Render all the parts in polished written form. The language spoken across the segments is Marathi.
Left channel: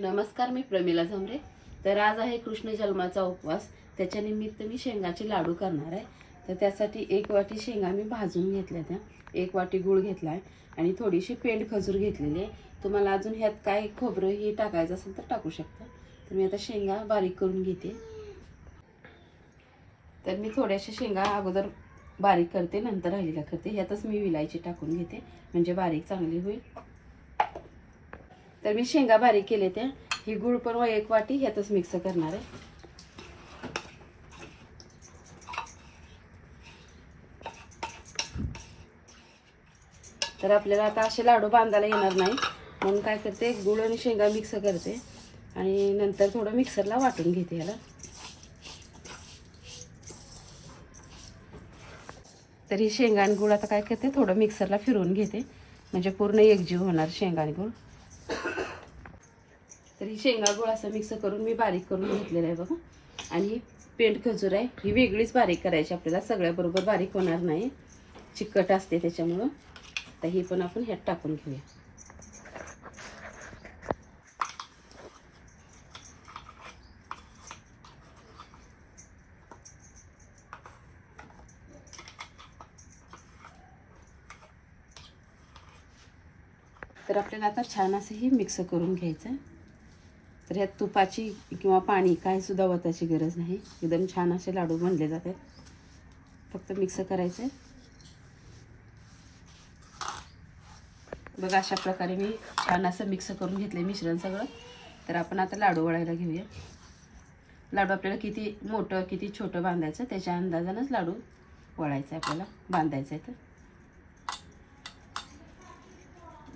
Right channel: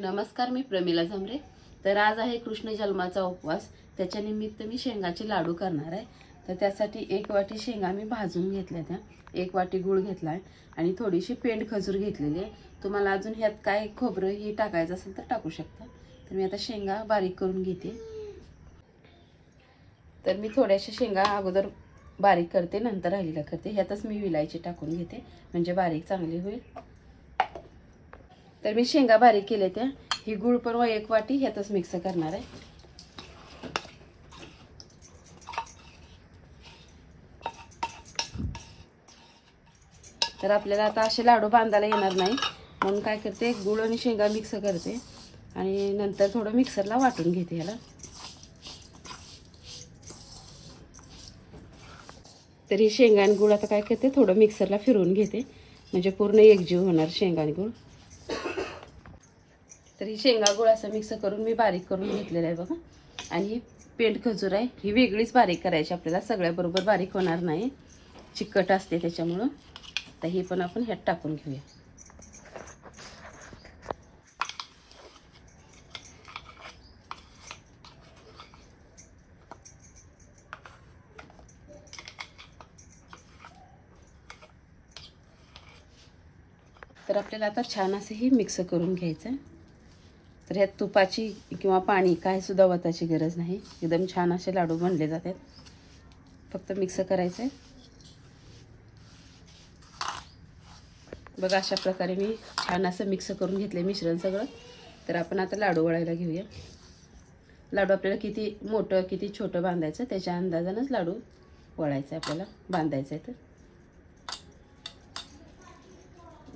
नमस्कार, मी प्रमिला झांबरे। तर आज आहे कृष्ण जन्माचा उपवास। त्याच्या निमित्त मी शेंगाचे लाडू करणार आहे। तर त्यासाठी 1 वाटी शेंगा मी भाजून घेतल्या, त्या 1 वाटी गूळ घेतलाय आणि थोडीशी पेंड खजूर घेतलेली आहे। तुम्हाला अजून ह्यात काय खोबरं ही टाकायचं असेल तर टाकू शकता। तर मी आता शेंगा बारीक करून घेते। तर मी थोड्याशा शेंगा अगोदर बारीक करते, नंतर राहिलेला करते। ह्यातच मी विलायची टाकून घेते, म्हणजे बारीक चांगली होईल। तर मी शेंगा बारीक केले, त्या ही गूळ पण 1 वाटी ह्यातच मिक्स करणार आहे। तर आपल्याला आता असे लाडू बांधायला येणार नाही, म्हणून काय करते, गूळ आणि शेंगा मिक्स करते आणि नंतर थोडं मिक्सरला वाटून घेते याला। तर ही शेंगा आणि गूळ आता काय करते, थोडं मिक्सरला फिरवून घेते, म्हणजे पूर्ण एकजीव होणार शेंगा आणि गूळ। तर ही शेंगा गूळ असं मिक्स करून मी बारीक करून घेतलेलं आहे बघा। आणि ही पेंड खजूर आहे, ही वेगळीच बारीक करायची आपल्याला, सगळ्या बरोबर बारीक होणार नाही, चिकट असते त्याच्यामुळं। तर ही पण आपण ह्यात टाकून घेऊया। तर आपल्याला आता छान असं ही मिक्स करून घ्यायचं। तर ह्यात तुपाची किंवा पाणी काय सुद्धा वताची गरज नाही, एकदम छान असे लाडू बनले जातात। फक्त मिक्स करायचं। बघा अशा प्रकारे मी छान असं मिक्स करून घेतले मिश्रण सगळं। तर आपण आता लाडू वळायला घेऊया। लाडू आपल्याला किती मोठं किती छोटं बांधायचं त्याच्या अंदाजानंच लाडू वळायचं आपल्याला, बांधायचं आहे। तर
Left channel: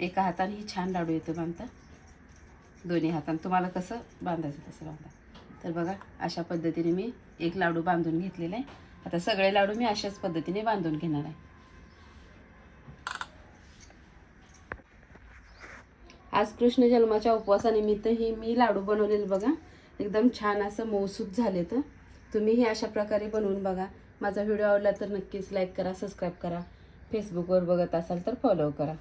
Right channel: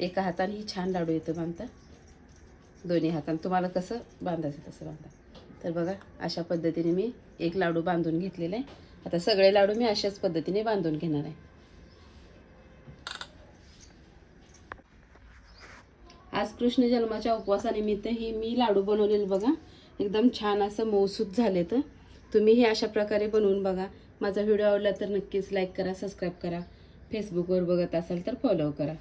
एका हाताने ही छान लाडू येतो बांधता, दोन्ही हाताने तुम्हाला कसं बांधायचं तसं बांधा। तर बघा अशा पद्धतीने मी एक लाडू बांधून घेतलेला आहे। आता सगळे लाडू मी अशाच पद्धतीने बांधून घेणार आहे। आज कृष्ण जन्माच्या उपवासानिमित्त ही मी लाडू बनवलेले बघा, एकदम छान असं मऊसूत झाले। तर तुम्ही ही अशा प्रकारे बनवून बघा। माझा व्हिडिओ आवडला तर नक्कीच लाईक करा, सबस्क्राईब करा। फेसबुकवर बघत असाल तर फॉलो करा।